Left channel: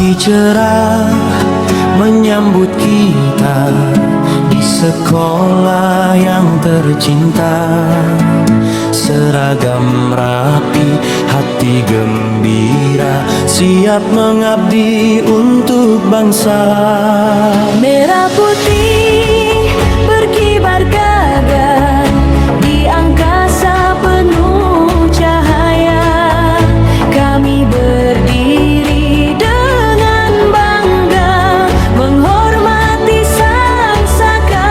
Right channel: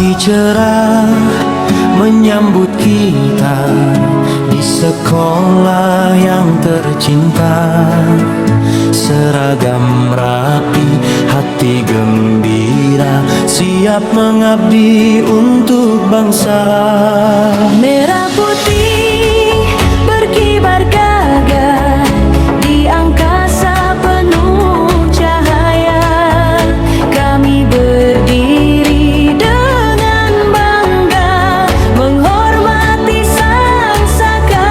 Pagi cerah menyambut kita di sekolah yang tercinta. Seragam rapi, hati gembira, siap mengabdi untuk bangsa. Merah putih berkibar gagah di angkasa penuh cahaya. Kami berdiri dengan bangga menghormati sang saka.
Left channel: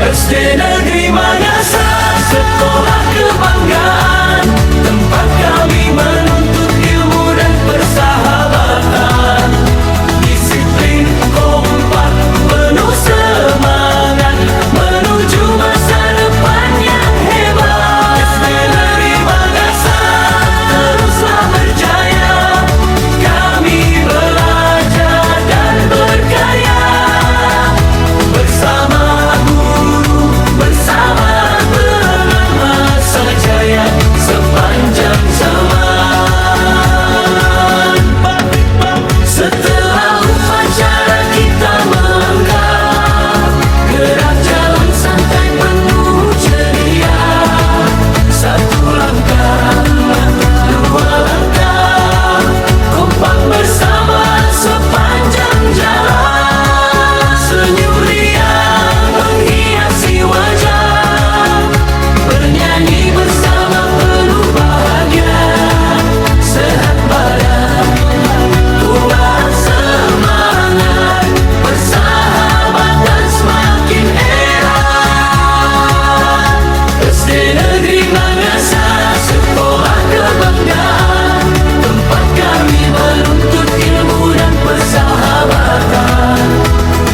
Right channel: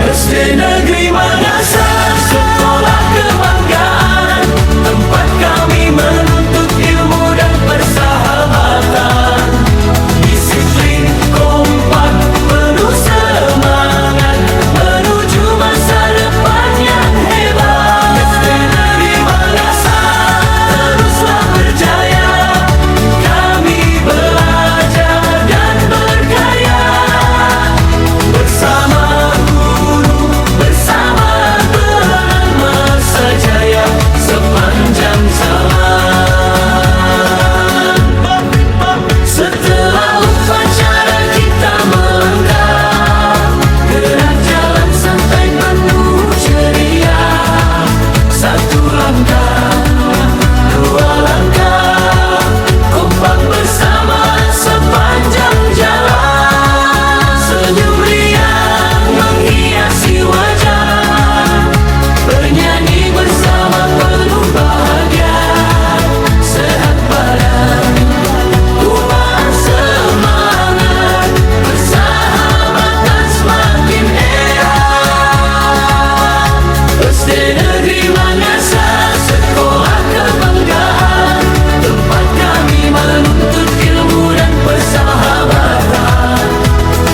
SD Negeri Mangasa, sekolah kebanggaan, tempat kami menuntut ilmu dan persahabatan. Disiplin, kompak, penuh semangat menuju masa depan yang hebat. SD Negeri Mangasa teruslah berjaya, kami belajar dan berkarya bersama guru, bersama penguasa jaya sepanjang zaman. Setelah upacara kita melangkah, gerak jalan santai penuh ceria. Satu langkah, dua langkah, kompak bersama sepanjang jalan. Senyum riang menghiasi wajah, bernyanyi bersama penuh bahagia. Sehat badan, kuat semangat, persahabatan semakin erat. SD Negeri Mangasa, sekolah kebanggaan, tempat kami menuntut ilmu dan persahabatan.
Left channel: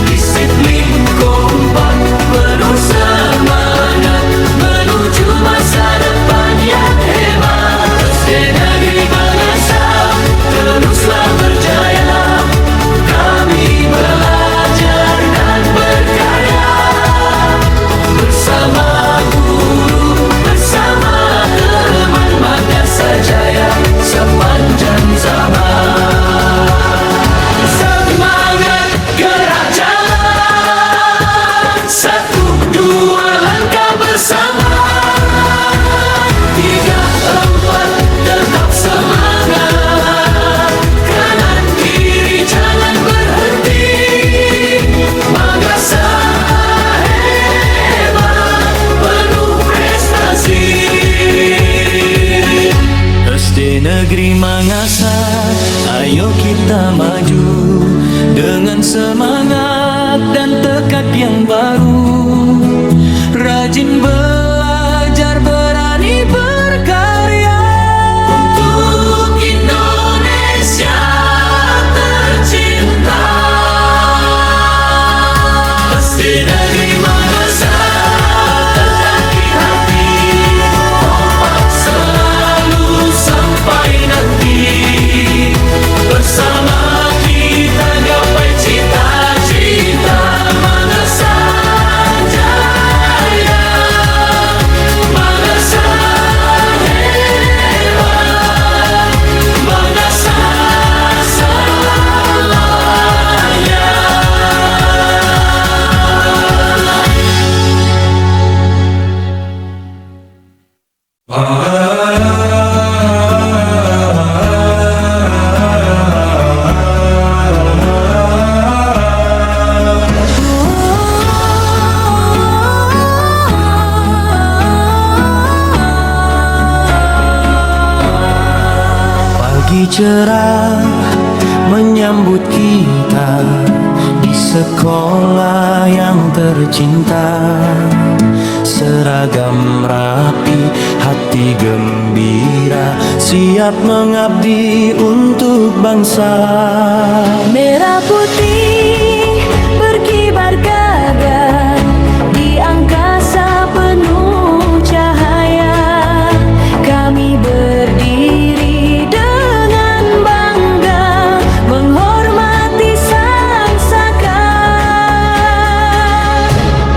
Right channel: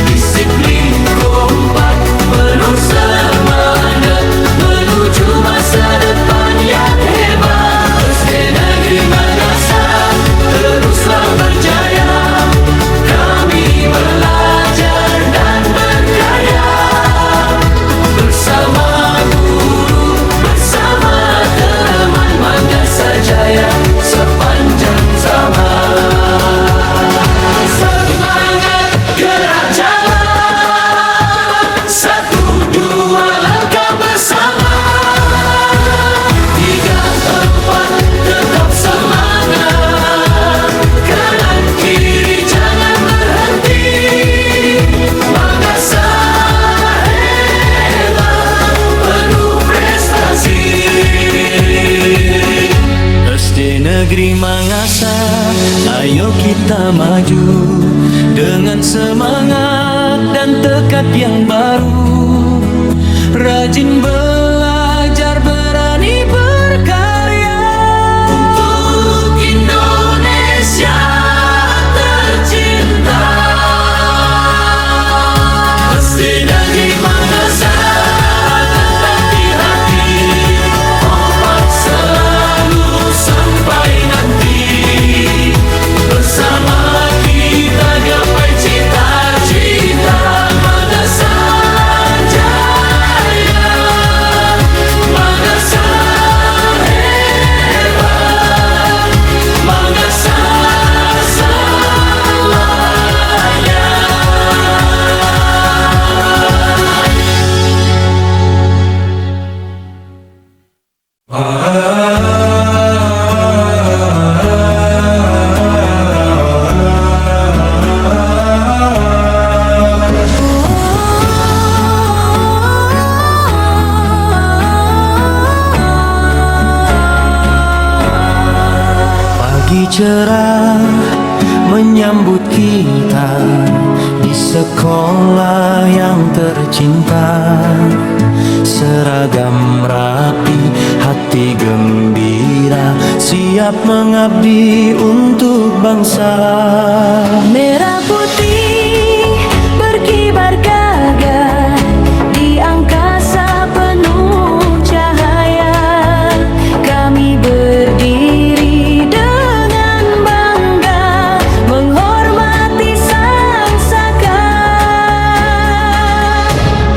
Disiplin, kompak, penuh semangat menuju masa depan yang hebat. SD Negeri Mangasa teruslah berjaya, kami belajar dan berkarya bersama guru, bersama teman Mangasa Jaya sepanjang zaman. Semangat gerak jalan, satu dua langkah bersama, tiga empat tetap semangat, kanan kiri jangan berhenti. Mangasa hebat, penuh prestasi. SD Negeri Mangasa, ayo kita maju dengan semangat dan tekad yang baru. Rajin belajar, berani berkarya untuk Indonesia tercinta. SD Negeri Mangasa tetap di hati, kompak selalu sampai nanti. Bersama kita gapai cita-cita Mangasa Jaya. Mangasa hebat, Mangasa semuanya. Pagi cerah menyambut kita di sekolah yang tercinta. Seragam rapi, hati gembira, siap mengabdi untuk bangsa. Merah putih berkibar gagah di angkasa penuh cahaya. Kami berdiri dengan bangga menghormati sang saka.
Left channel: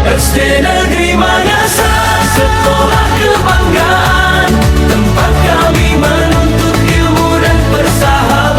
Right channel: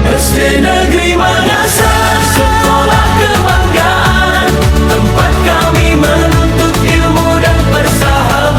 SD Negeri Mangasa, sekolah kebanggaan, tempat kami menuntut ilmu dan persahabatan.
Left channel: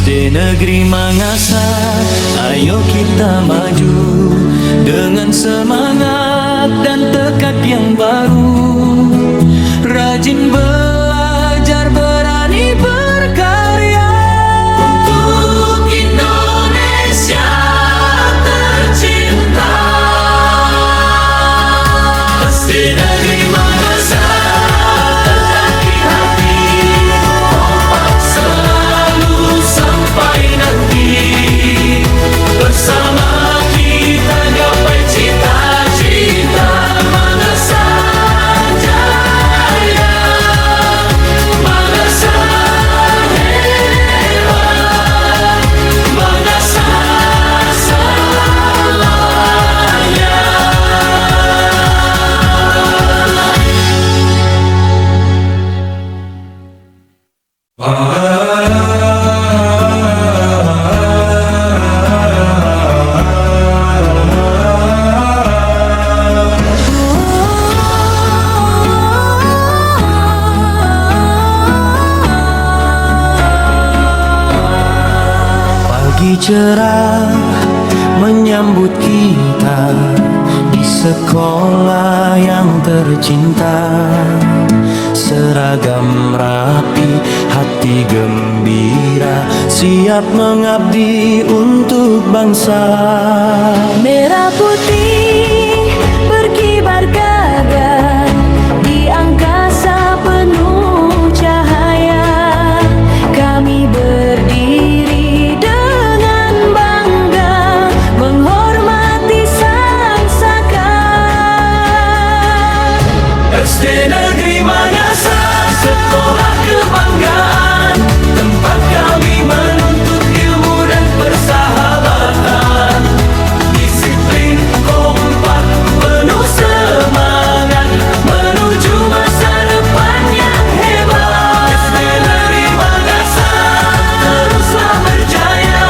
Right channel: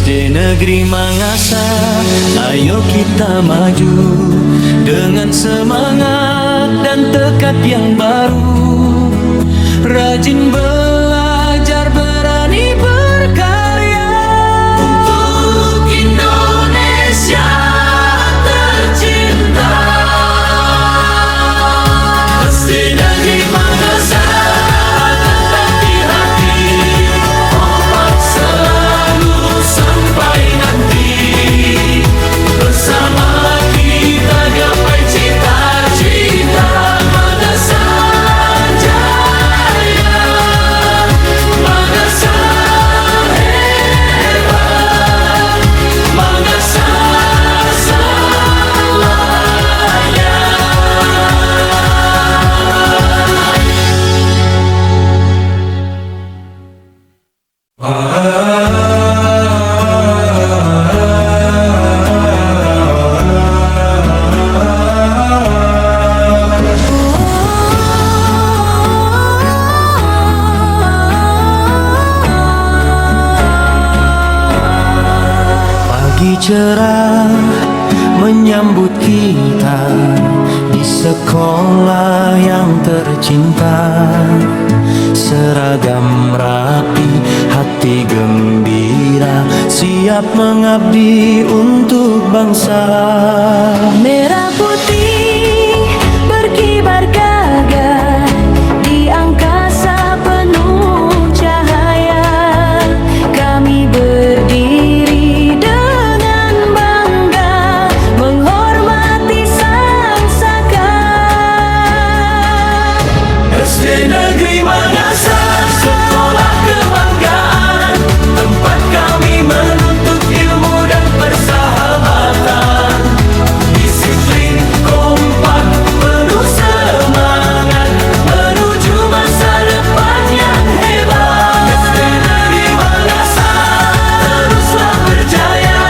SD Negeri Mangasa, ayo kita maju dengan semangat dan tekad yang baru. Rajin belajar, berani berkarya Untuk Indonesia tercinta. SD Negeri Mangasa tetap di hati, kompak selalu sampai nanti. Bersama kita gapai cita-cita. Mangasa jaya, Mangasa hebat, Mangasa selamanya. Pagi cerah menyambut kita di sekolah yang tercinta. Seragam rapi, hati gembira, siap mengabdi untuk bangsa. Merah putih berkibar gagah di angkasa penuh cahaya. Kami berdiri dengan bangga menghormati sang saka. SD Negeri Mangasa, sekolah kebanggaan, tempat kami menuntut ilmu dan persahabatan. Disiplin, kompak, penuh semangat, menuju masa depan yang hebat. SD Negeri Mangasa, teruslah berjaya,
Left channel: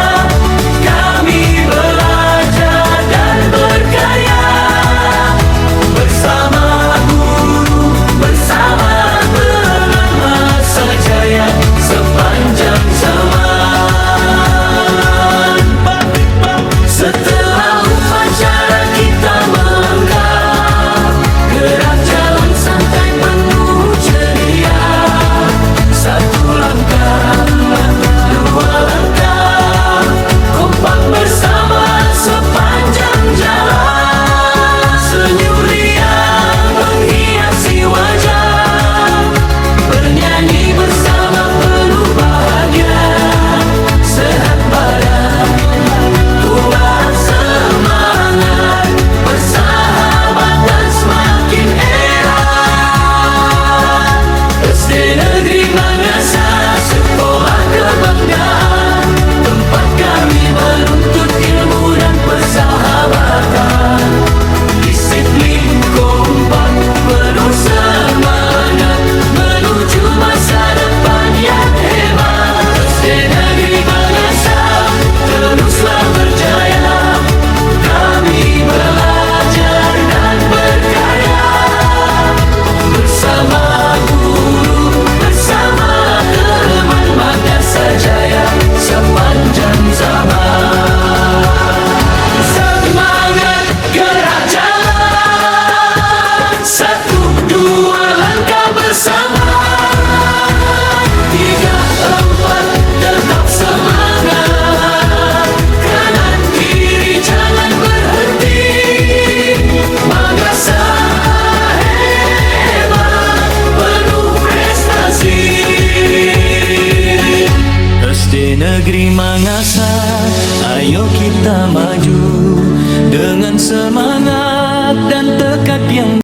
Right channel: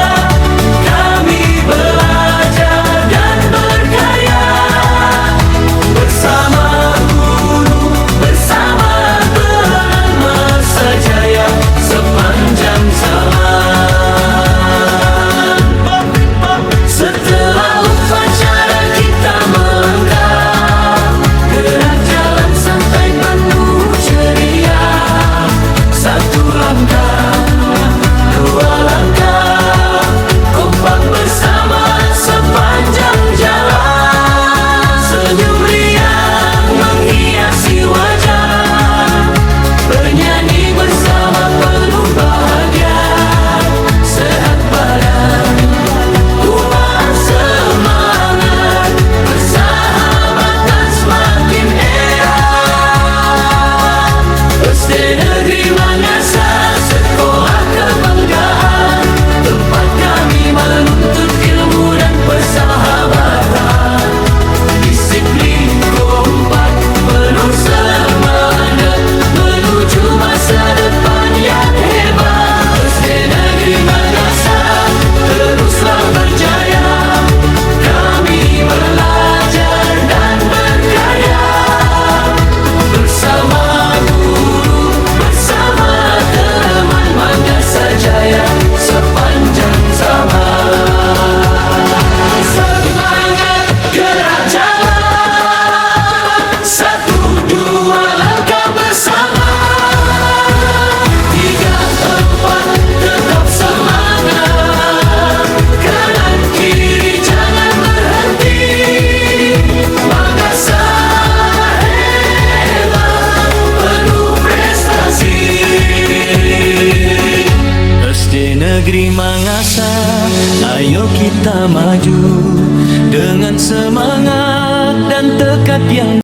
kami belajar dan berkarya. Bersama guru, bersama teman, masa jaya sepanjang zaman. Setelah upacara kita melangkah, gerak jalan santai penuh ceria. Satu langkah, dua langkah, kompak bersama sepanjang jalan. Senyum riang menghiasi wajah, bernyanyi bersama penuh bahagia. Sehat badan, kuat semangat, persahabatan semakin erat. SD Negeri Mangasa, sekolah kebanggaan, tempat kami menuntut ilmu dan persahabatan. Disiplin, kompak, penuh semangat, menuju masa depan yang hebat. SD Negeri Mangasa, teruslah berjaya, kami belajar dan berkarya. Bersama guru, bersama teman, Mangasa jaya sepanjang zaman. Semangat gerak jalan, satu dua langkah bersama. Tiga empat tetap semangat, kanan kiri jangan berhenti. Mangasa hebat, penuh prestasi. SD Negeri Mangasa, ayo kita maju dengan semangat dan tekad yang